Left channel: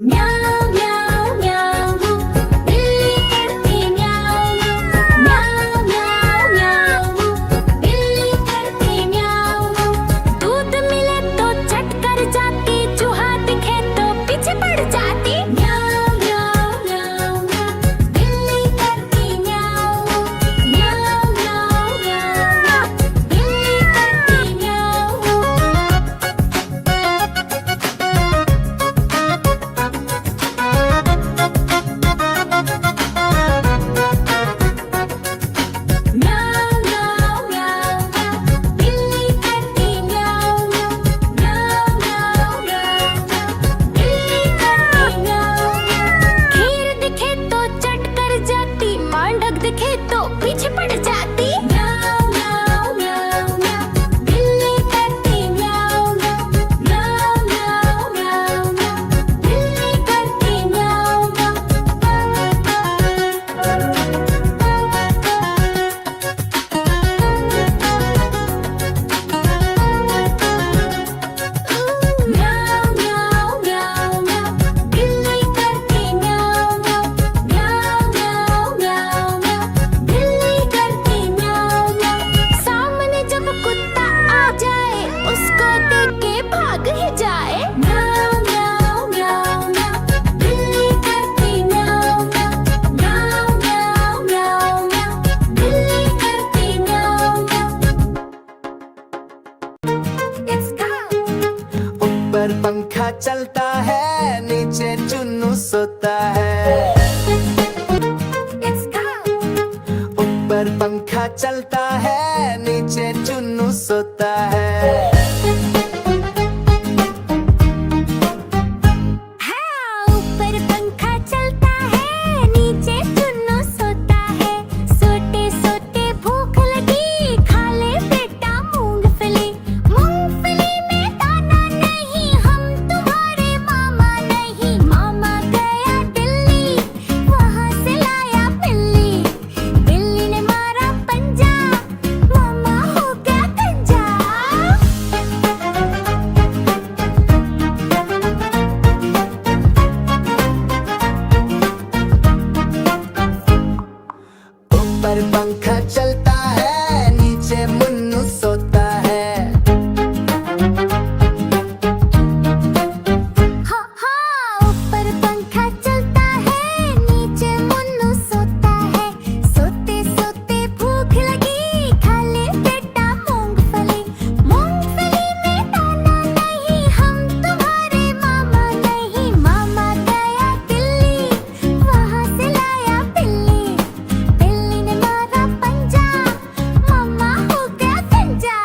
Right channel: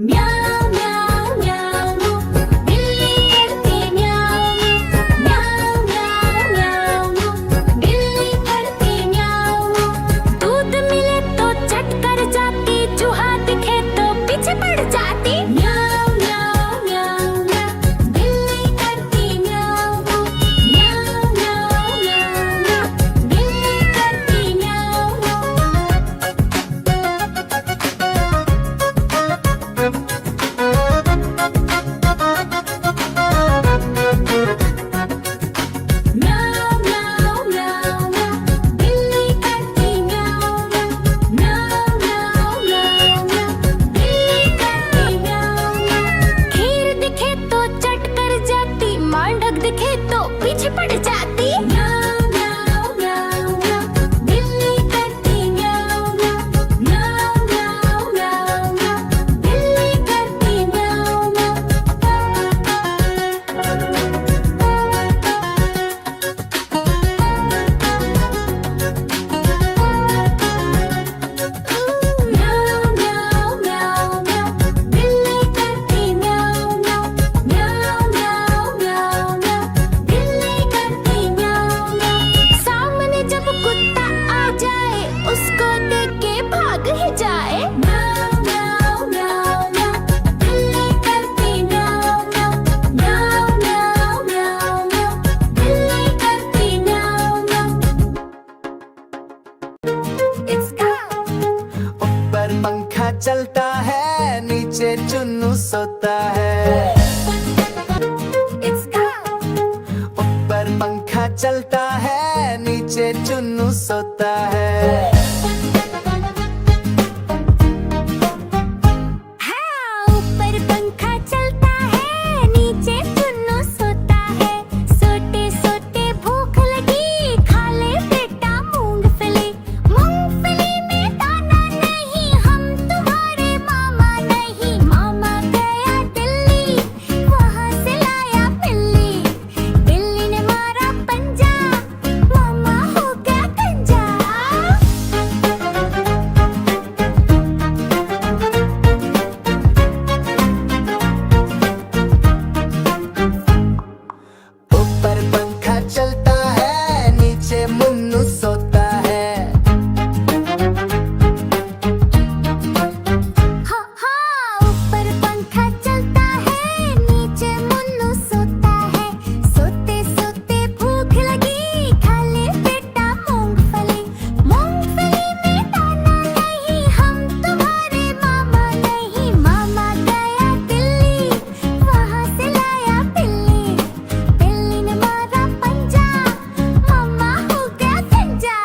म्याऊ म्याऊ म्याऊ बिल्ली करती म्याऊ म्याऊ म्याऊ म्याऊ बिल्ली करती म्याऊ। दूध मिले तो चट कर जाती, चूहा दिखे तो पीछे पड़ जाती। म्याऊ म्याऊ म्याऊ म्याऊ बिल्ली करती म्याऊ म्याऊ म्याऊ म्याऊ बिल्ली करती म्याऊ। म्याऊ म्याऊ म्याऊ म्याऊ बिल्ली करती म्याऊ म्याऊ म्याऊ म्याऊ म्याऊ बिल्ली करती म्याऊ। खीर दिखे तो चट कर जाती, मांडक दिखे तो पीछे पड़ जाती। म्याऊ म्याऊ म्याऊ म्याऊ बिल्ली करती म्याऊ म्याऊ म्याऊ म्याऊ म्याऊ बिल्ली करती म्याऊ म्याऊ म्याऊ म्याऊ म्याऊ बिल्ली करती म्याऊ म्याऊ म्याऊ म्याऊ म्याऊ बिल्ली करती म्याऊ। सामने जब कुत्ता आ जाए, उसको देख के भाग ही जाए। म्याऊ म्याऊ म्याऊ म्याऊ बिल्ली करती म्याऊ म्याऊ म्याऊ म्याऊ म्याऊ बिल्ली करती म्याऊ म्याऊ। It's gone. ऊपर पंखा चलता है, नीचे चुन्नू सोता है। It's gone. ऊपर पंखा चलता है, नीचे चुन्नू सोता है। हाँ, ऊपर पंखा चलता है, नीचे चुन्नू सोता है। सोते सोते भूख लगी, खा ले बेटा मूंगफली। मूंगफली में दाना नहीं, हम तुम्हारे मामा नहीं। मामा गया दिल्ली, वहाँ से लाया बिल्ली। बिल्ली ने मारा पंजा, मामा हो गया गंजा। ऊपर पंखा चलता है, नीचे मुन्नू सोता है। हाँ हाँ, ऊपर पंखा चलता है, नीचे मुन्नू सोता है। सोते सोते भूख लगी, खा ले बेटा मूंगफली। मूंगफली में दाना नहीं, हम तुम्हारे मामा नहीं। मामा गया दिल्ली, वहाँ से लाया बिल्ली। बिल्ली ने मारा पंजा, मामा हो गया गंजा।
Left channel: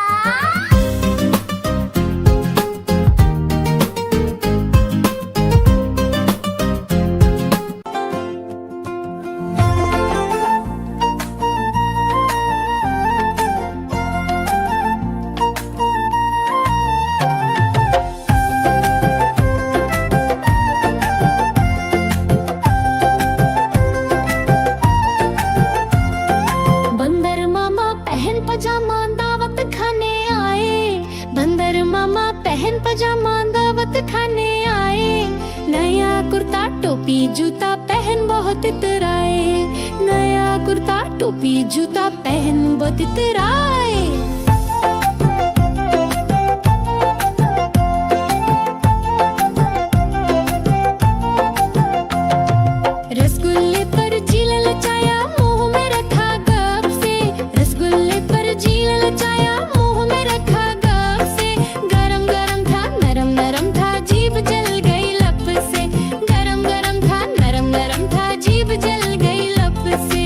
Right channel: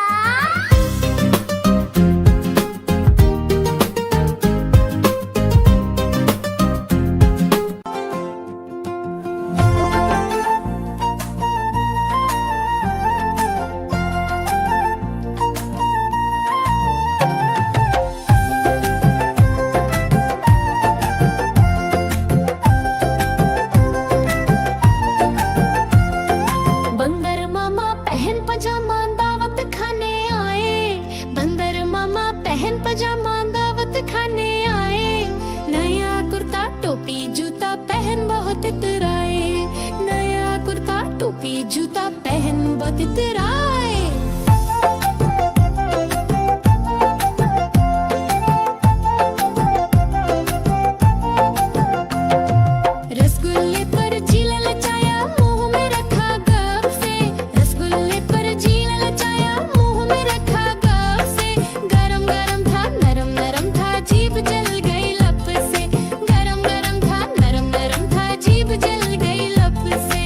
बंदर मामा पहन पजामा दावत खाने आए। बंदर मामा पहन पजामा दावत खाने आए। नया कुर्ता टोपी जूता पहन बहुत इतराए। नया कुर्ता टोपी जूता पहन बहुत इतराए। रसगुल्ले पर जील लचाया, मुंह में रखा गप से। रसगुल्ले पर जील लचाया, मुंह में रखा गप से। गरम गरम था, नरम नरम था, जीभ जल गई लप से। गरम गरम था, नरम नरम था, जीभ जल गई लप से।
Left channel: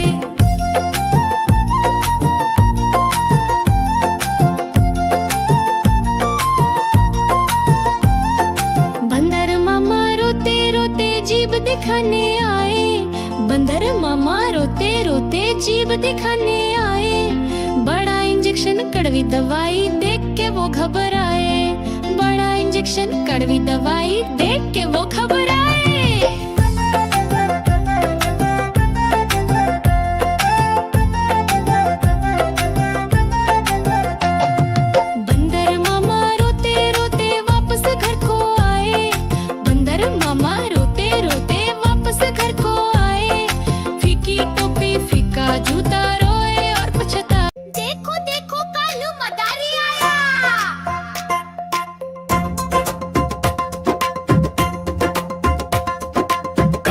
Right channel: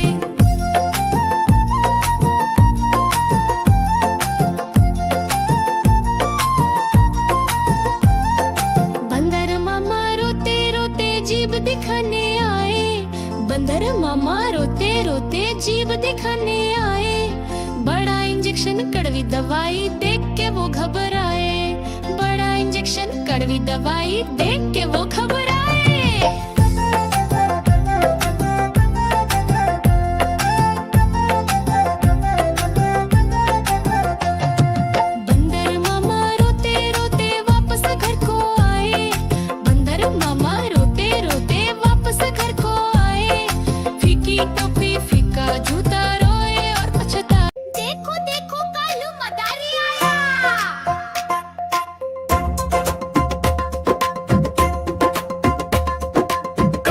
बंदर मामा रोते रोते जीभ दिखाने आए। बंदर मामा रोते रोते जीभ दिखाने आए। बड़ा इंजेक्शन कड़वी दवाई देख के वो घबराए। बड़ा इंजेक्शन कड़वी दवाई देख के वो घबराए। बंदर मामा रोते रोते वापस घर को आए। बंदर मामा रोते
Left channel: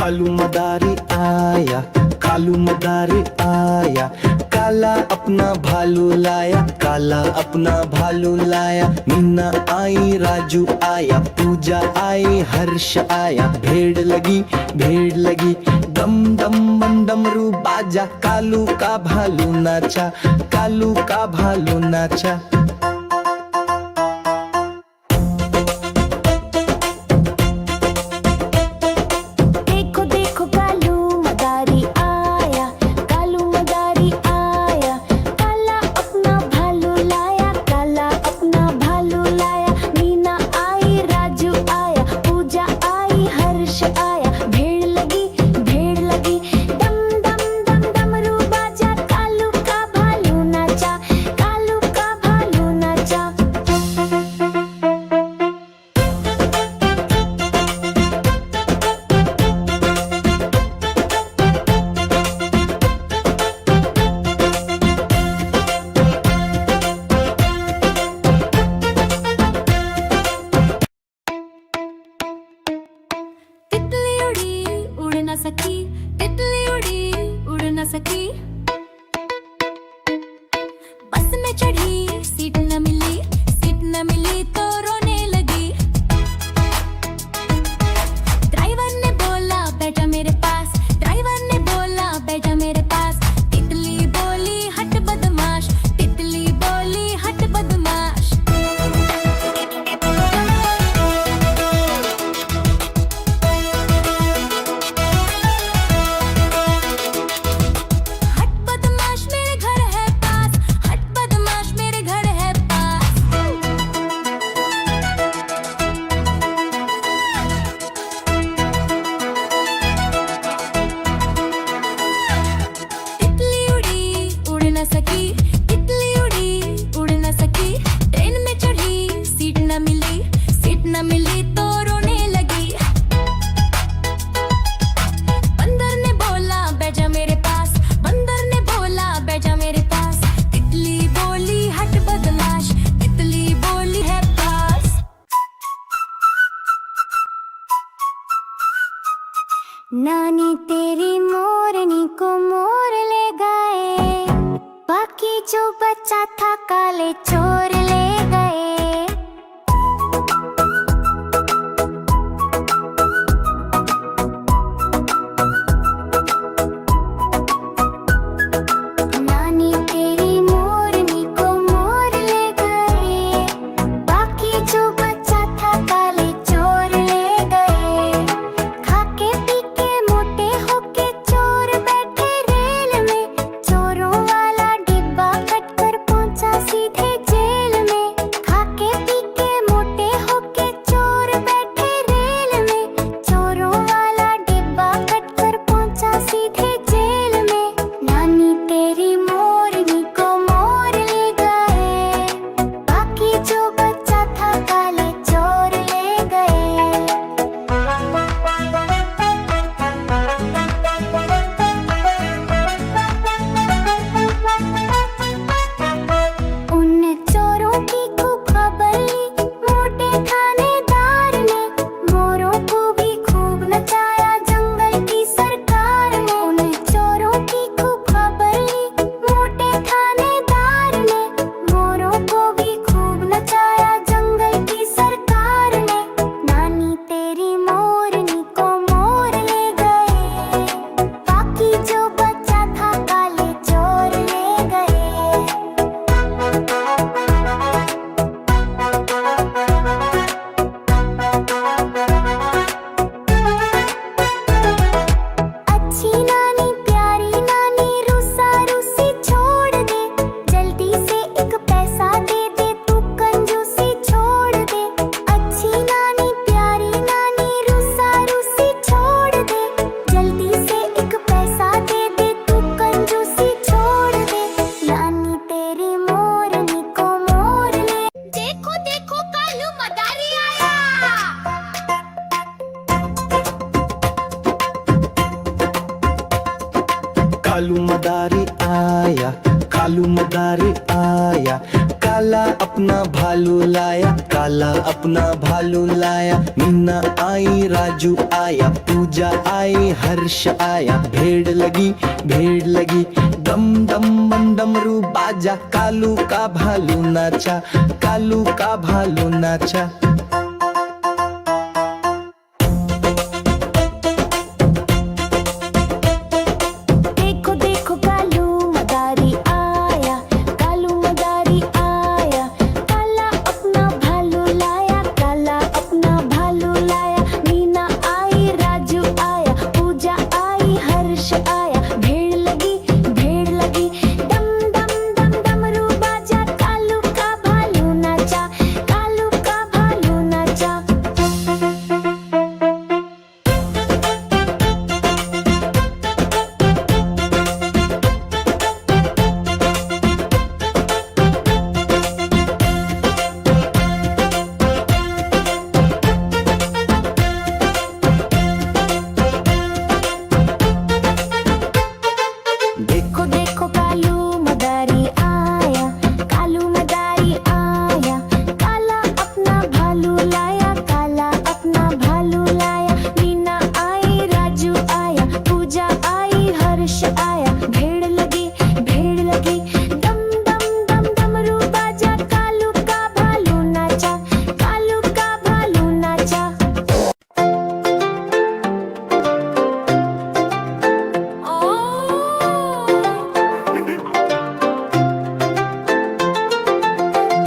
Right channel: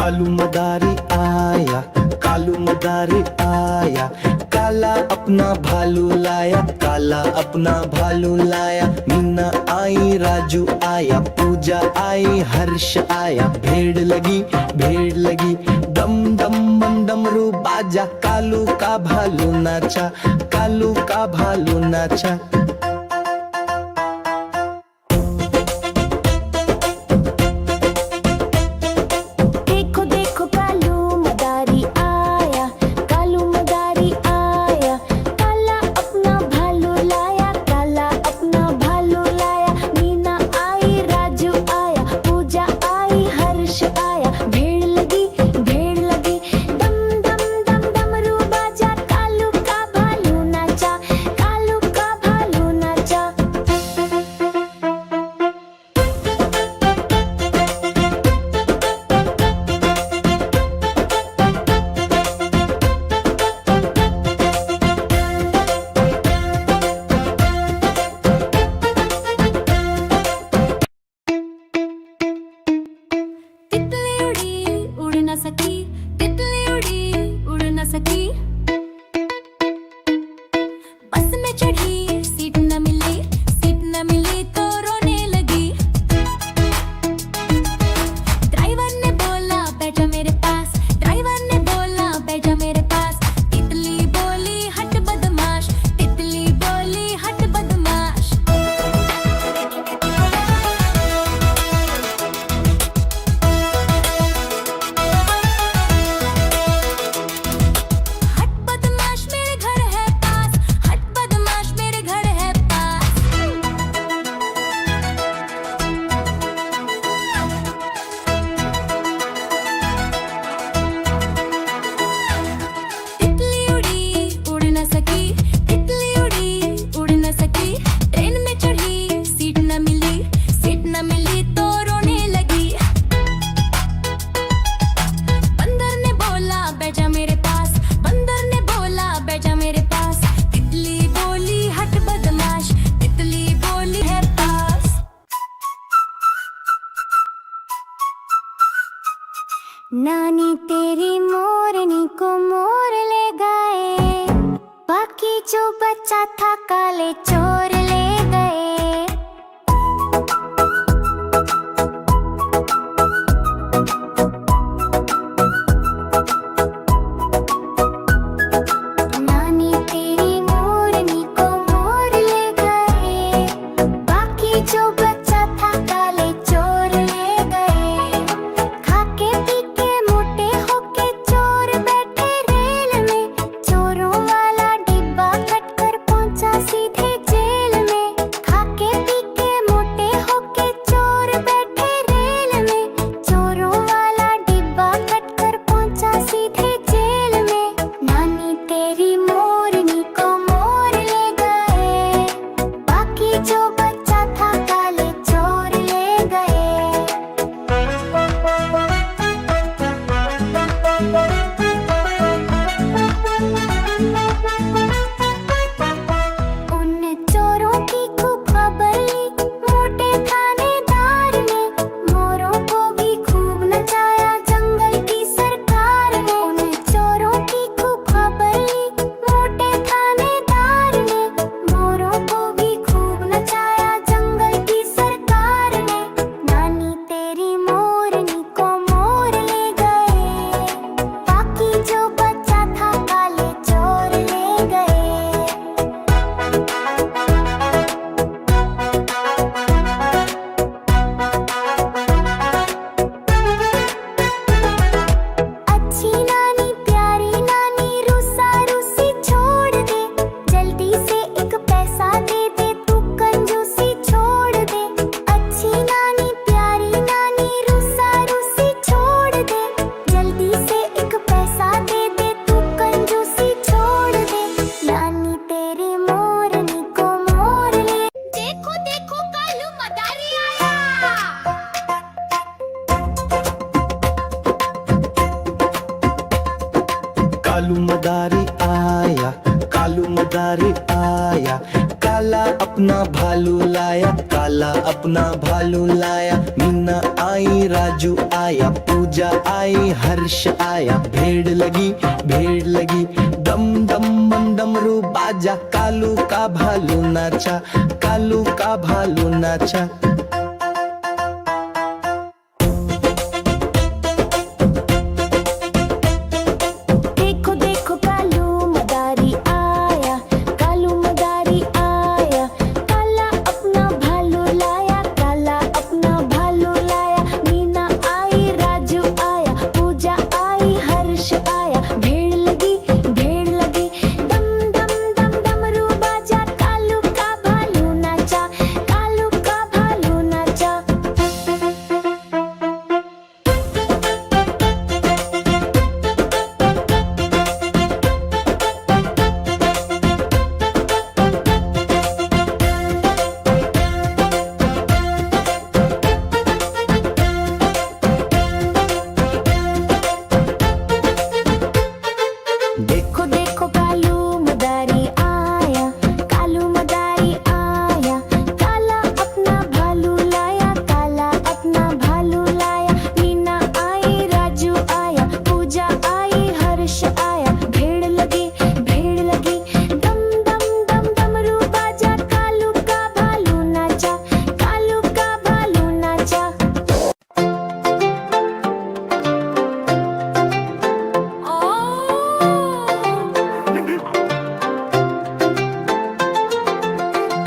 कालू मदारी आया, कालू मदारी आया, काला अपना भालू लाया, काला अपना भालू लाया। मीना आई, राजू आया, पूजा आई, हर्ष आया। भेड़ लगी, भेड़ लगी, डम डम बम डमरू बाजा। कालू का भालू नाचा, कालू का भालू नाचा। देखो देखो कालू मदारी आया, कालू मदारी आया, काला अपना भालू लाया, काला अपना भालू लाया। मीना आई, राजू आया, पूजा आई, हर्ष आया। भेड़ लगी, भेड़ लगी, डम डम डम डमरू बाजा। कालू का भालू नाचा, कालू का भालू नाचा। तितली उड़ी उड़ न सकी, तितली उड़ी उड़ न सकी। बस में चढ़ी सीट न मिली, सीट न मिली तो रोने लगी। ड्राइवर ने बोला बैठा मेरे पास, ड्राइवर ने बोला बैठा मेरे पास। तितली बोली हट बदमाश, तितली बोली हट बदमाश। हट बदमाश मेरे घर है पास, हट बदमाश मेरे घर है पास। तितली उड़ी उड़ न सकी, तितली उड़ी उड़ न सकी। ट्रेन में चढ़ी सीट न मिली, सीट न मिली तो रोने लगी। बंदर ने बोला बैठा मेरे पास, बंदर ने बोला बैठा मेरे पास। तितली बोली हट बदमाश, तितली बोली है पास। नानी तेरी मोरनी को मोर ले गए, बाकी जो बचा था काले चोर ले गए। नानी तेरी मोरनी को मोर ले गए, बाकी जो बचा था काले चोर ले गए। खाके पी के मोटे होके चोर बैठे रेल में, चोरों वाला डिब्बा कटकर पहुंचा सीधे जेल में। खाके पी के मोटे होके चोर बैठे रेल में, चोरों वाला डिब्बा कटकर पहुंचा सीधे जेल में। नानी तेरी मोरनी को मोर ले गए, बाकी जो बचा था काले चोर ले गए। उन चोरों की खूब खबर ली मोटे थानेदार ने, मोरों को भी खूब नचाया जंगल की सरकार ने। उन चोरों की खूब खबर ली मोटे थानेदार ने, मोरों को भी खूब नचाया जंगल की सरकार ने। नानी तेरी मोरनी को मोर ले गए, बाकी जो बचा था काले चोर ले गए। अच्छी नानी प्यारी नानी रूसा रूसी छोड़ दे, जल्दी से एक पैसा दे दे तू कंजूसी छोड़ दे। अच्छी नानी प्यारी नानी रूसा रूसी छोड़ दे, जल्दी से एक पैसा दे दे तू कंजूसी छोड़ दे। नानी तेरी मोरनी को मोर ले। देखो देखो कालू मदारी आया। कालू मदारी आया, कालू मदारी आया, काला काला अपना भालू लाया, काला अपना भालू लाया। मीना आई, राजू आया, पूजा आई, हर्ष आया। भेड़ लगी, भेड़ लगी, डम डम बम डमरू बाजा। कालू का भालू नाचा, कालू का भालू नाचा। देखो देखो कालू मदारी आया, कालू मदारी आया। काला अपना भालू लाया, काला अपना भालू लाया। मीना आई, राजू आया, पूजा आई, हर्ष आया। भेड़ लगी, भेड़ लगी, डम डम डम डमरू बाजा। कालू का भालू नाचा, कालू का भालू नाचा। देखो देखो कालू मदारी आया, कालू मदारी आया। काला अपना भालू लाया, काला अपना भालू लाया। मीना आई, राजू आया, पूजा आई, हर्ष आया। भेड़ लगी, भेड़ लगी, डम डम डम डमरू बाजा। कालू का भालू नाचा, कालू का भालू नाचा।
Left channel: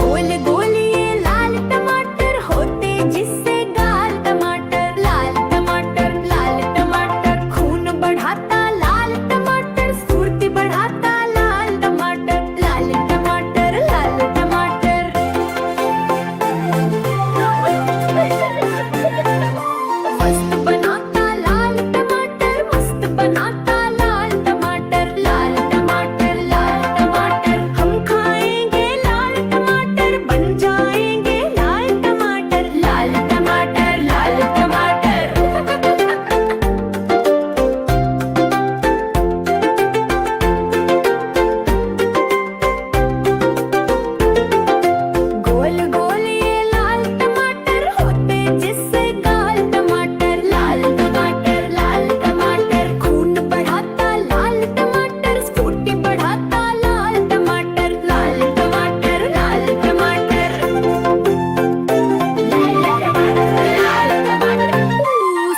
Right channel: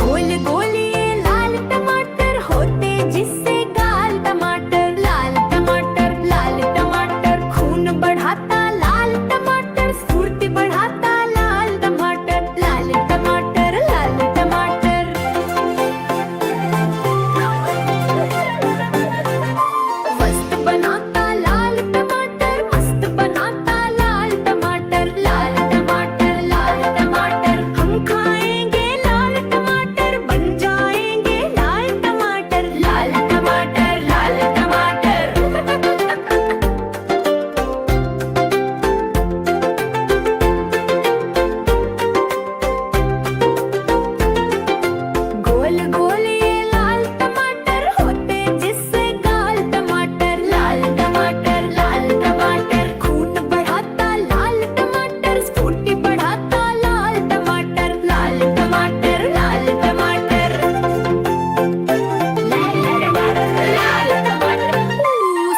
गोल गोल ये लाल टमाटर होते जिससे गाल टमाटर। लाल टमाटर, लाल टमाटर, खून बढ़ाता लाल टमाटर। फुर्ती बढ़ाता लाल टमाटर। लाल टमाटर, लाल टमाटर। मस्त बनाता लाल टमाटर, मस्त बनाता लाल टमाटर। लाल टमाटर, लाल टमाटर, हम खाएंगे लाल टमाटर। बन जाएंगे लाल टमाटर। लाल टमाटर, लाल टमाटर। गोल गोल ये लाल टमाटर होते जिससे गाल टमाटर। लाल टमाटर, लाल टमाटर, खून बढ़ाता लाल टमाटर। स्फूर्ति बढ़ाता लाल टमाटर। लाल टमाटर, लाल टमाटर। लाल टमाटर,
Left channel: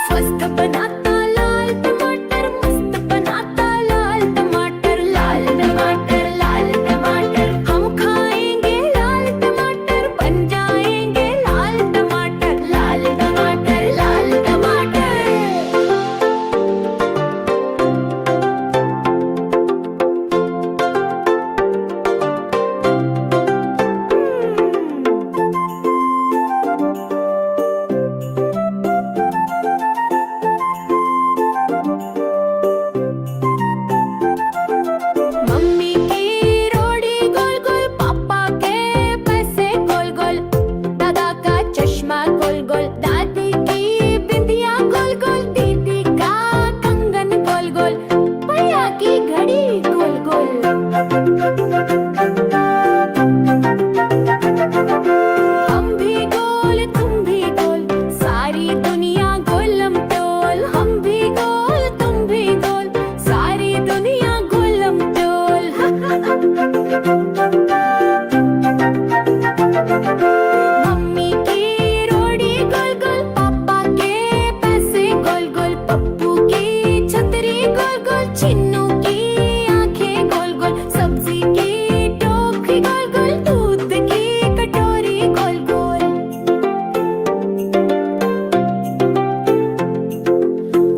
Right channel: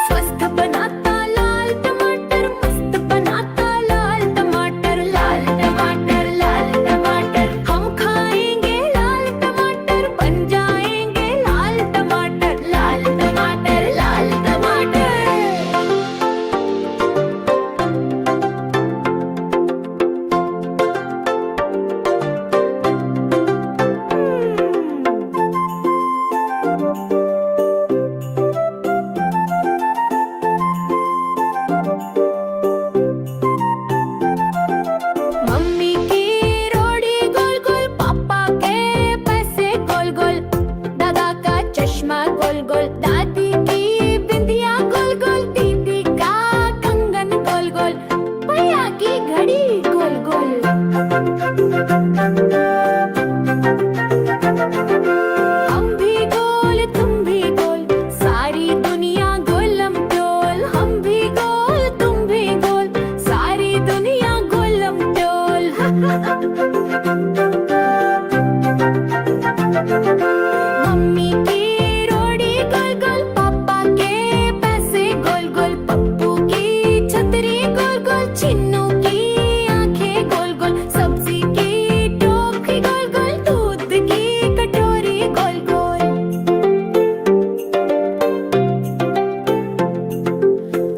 स्वस्थ बनाता लाल टमाटर। मस्त बनाता लाल टमाटर। लाल टमाटर, लाल टमाटर, हम खाएंगे लाल टमाटर। बन जाएंगे लाल टमाटर। लाल टमाटर, लाल टमाटर। मम्मी की रोड़ी गोल गोल, पापा के पैसे गोल गोल। दादा का चश्मा गोल गोल, दादी की बिंदिया गोल गोल। दीदी का कंगन गोल गोल, भैया की घड़ी गोल गोल। हम भी गोल, तुम भी गोल, सारी दुनिया गोलम टोल। हम भी गोल, तुम भी गोल, सारी दुनिया गोलम टोल। मम्मी की रोड़ी गोल गोल, पापा के पैसे गोल गोल। पप्पू की छतरी गोल गोल, चिन्नू की आंखें गोल गोल। सब्जी की टोकरी गोल गोल, दूध की कटोरी गोल गोल।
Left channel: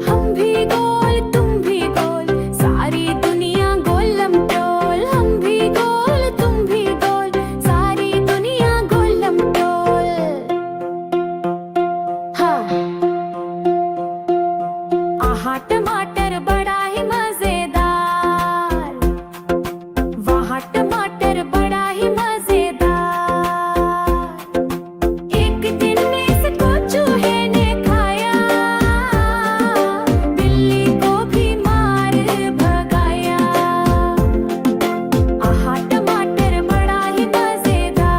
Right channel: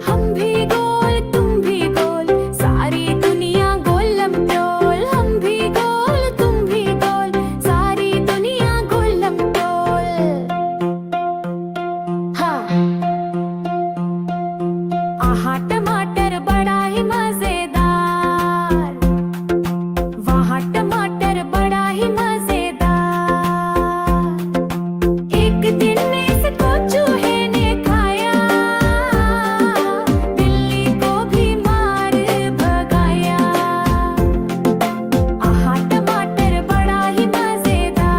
हम भी गोल, तुम भी गोल, सारी दुनिया गोलम टोल। हम भी गोल, तुम भी गोल, सारी दुनिया गोलम टोल। हाँ। आहा टमाटर बड़ा ही मजेदार, वहाँ टमाटर बड़ा ही मजेदार। एक दिन इसको चूहे ने खाया, बिल्ली को भी मार भगाया। आहा टमाटर बड़ा ही मजेदार।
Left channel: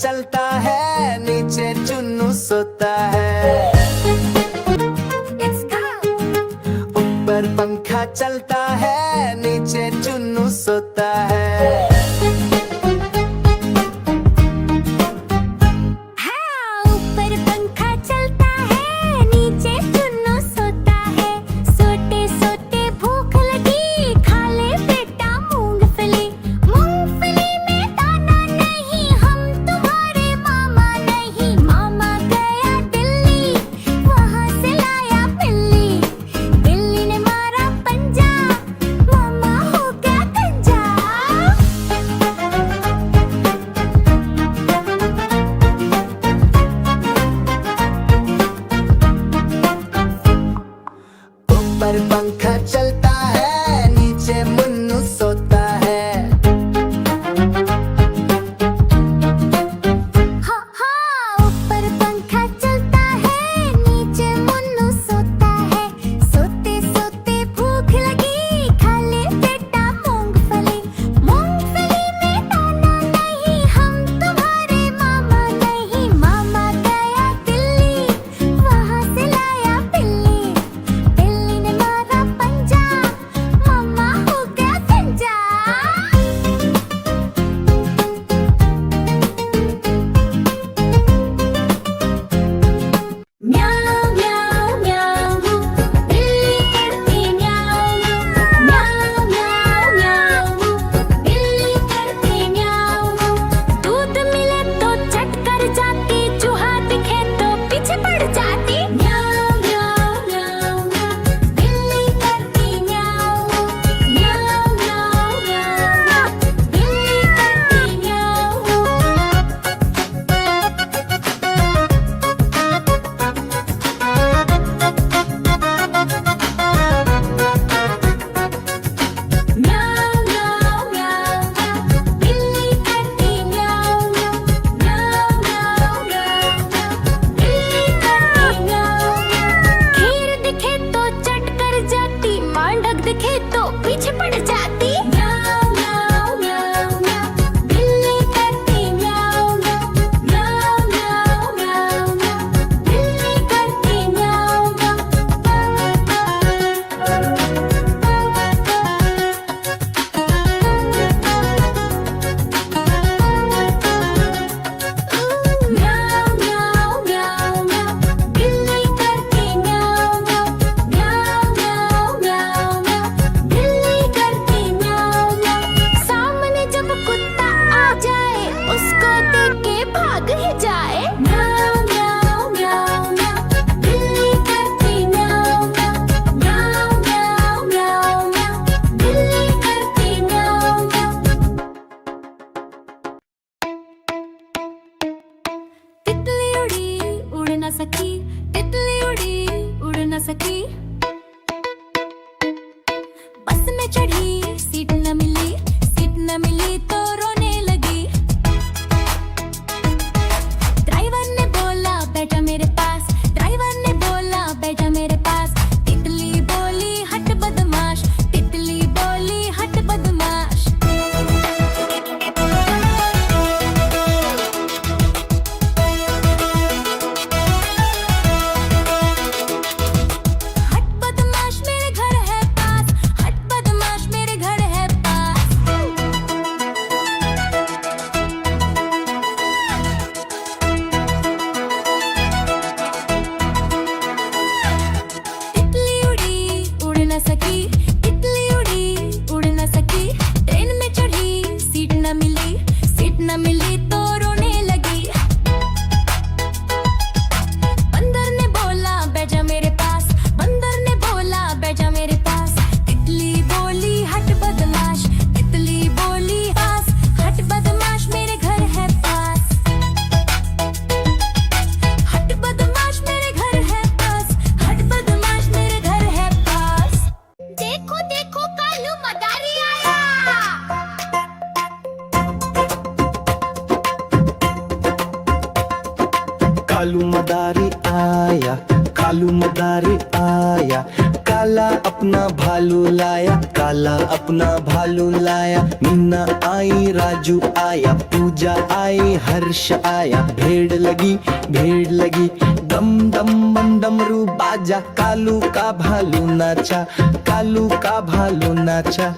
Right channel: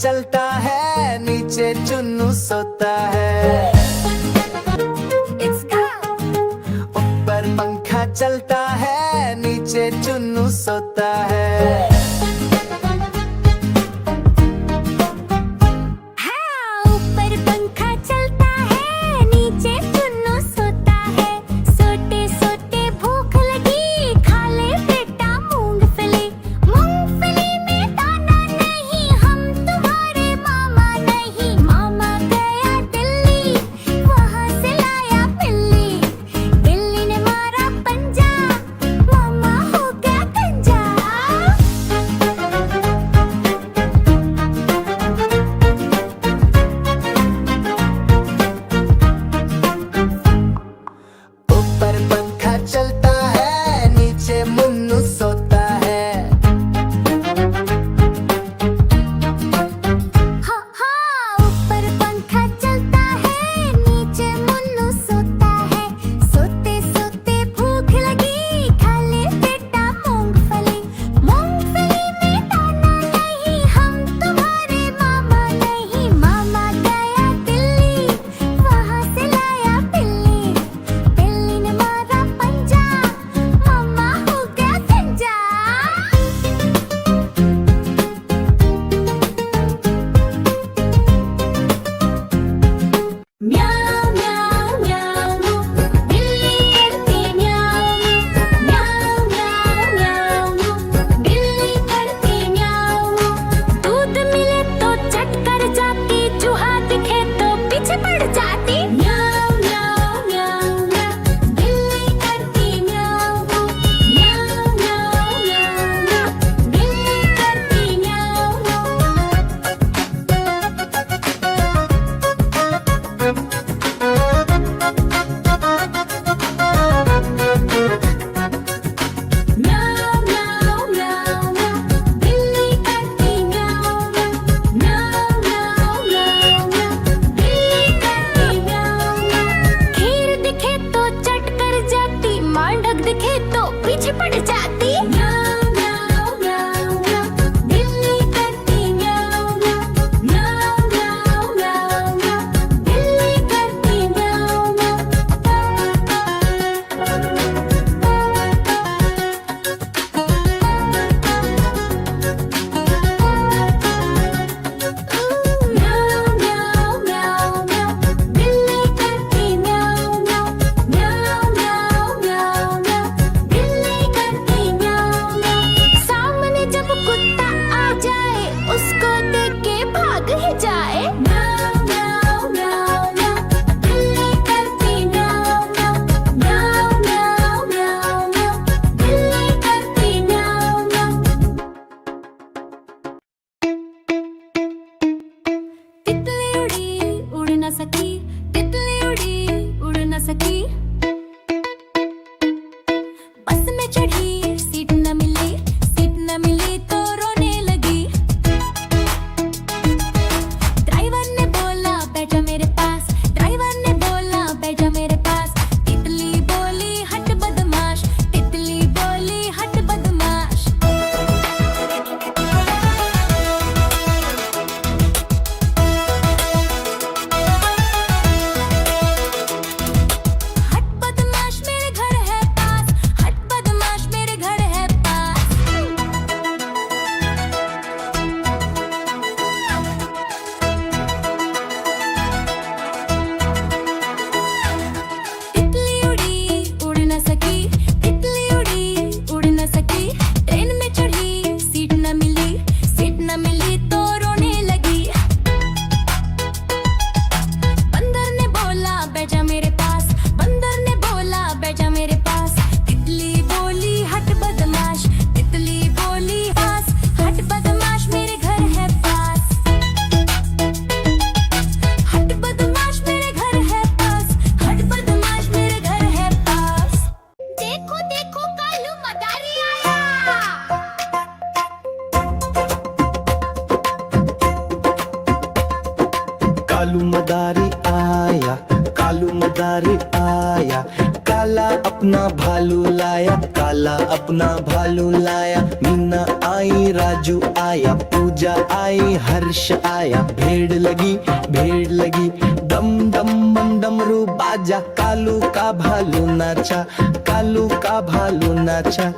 चलता है, नीचे चुन्नू सोता है। It's go. ऊपर पंखा चलता है, नीचे चुन्नू सोता है। हाँ, ऊपर पंखा चलता है, नीचे चुन्नू सोता है। सोते सोते भूख लगी, खा ले बेटा मूंगफली। मूंगफली में दाना नहीं, हम तुम्हारे मामा नहीं। मामा गया दिल्ली, वहाँ से लाया बिल्ली। बिल्ली ने मारा पंजा, मामा हो गया गंजा। ऊपर पंखा चलता है, नीचे मुन्नू सोता है। हाँ हाँ, ऊपर पंखा चलता है, नीचे मुन्नू सोता है। सोते सोते भूख लगी, खा ले बेटा मूंगफली। मूंगफली में दाना नहीं, हम तुम्हारे मामा नहीं। मामा गया दिल्ली, वहाँ से लाया बिल्ली। बिल्ली ने मारा पंजा, मामा हो गया गंजा। म्याऊ म्याऊ म्याऊ, बिल्ली करती म्याऊ म्याऊ म्याऊ म्याऊ, बिल्ली करती म्याऊ। दूध मिले तो चट कर जाती, चूहा दिखे तो पीछे पड़ जाती। म्याऊ म्याऊ म्याऊ म्याऊ, बिल्ली करती म्याऊ म्याऊ म्याऊ म्याऊ, बिल्ली करती म्याऊ। म्याऊ म्याऊ म्याऊ म्याऊ, बिल्ली करती म्याऊ म्याऊ म्याऊ म्याऊ म्याऊ, बिल्ली करती म्याऊ म्याऊ। खीर दिखे तो चट कर जाती, मांडक दिखे तो पीछे पड़ जाती। म्याऊ म्याऊ म्याऊ म्याऊ, बिल्ली करती म्याऊ म्याऊ म्याऊ म्याऊ म्याऊ, बिल्ली करती म्याऊ म्याऊ म्याऊ म्याऊ म्याऊ, बिल्ली करती म्याऊ म्याऊ म्याऊ म्याऊ म्याऊ, बिल्ली करती म्याऊ म्याऊ। सामने जब कुत्ता आ जाए, उसको देख के भाग ही जाए। म्याऊ म्याऊ म्याऊ म्याऊ, बिल्ली करती म्याऊ म्याऊ म्याऊ म्याऊ म्याऊ, बिल्ली करती म्याऊ म्याऊ। तितली उड़ी उड़ न सकी, तितली उड़ी उड़ न सकी। बस में चढ़ी, सीट न मिली, सीट न मिली तो रोने लगी। ड्राइवर ने बोला बैठा मेरे पास, ड्राइवर ने बोला बैठा मेरे पास। तितली बोली हट बदमाश, तितली बोली हट बदमाश। हट बदमाश मेरे घर है पास, हट बदमाश मेरे घर है पास। तितली उड़ी उड़ न सकी, तितली उड़ी उड़ न सकी। ट्रेन में चढ़ी, सीट न मिली, सीट न मिली तो रोने लगी। बंदर ने बोला बैठा मेरे पास, बंदर ने बोला बैठा मेरे पास। तितली बोली हट बदमाश, तितली बोली पास। हट बदमाश मेरे घर है पास, हट बदमाश मेरे घर है पास, हट बदमाश मेरे घर है पास। देखो देखो कालू मदारी आया। कालू मदारी आया, कालू मदारी आया। काला अपना भालू लाया, काला अपना भालू लाया। मीना आई, राजू आया, पूजा आई, हर्ष आया। भेड़ लगी, भेड़ लगी, डम डम बम डमरू बाजा। कालू का भालू नाचा, कालू का भालू नाचा।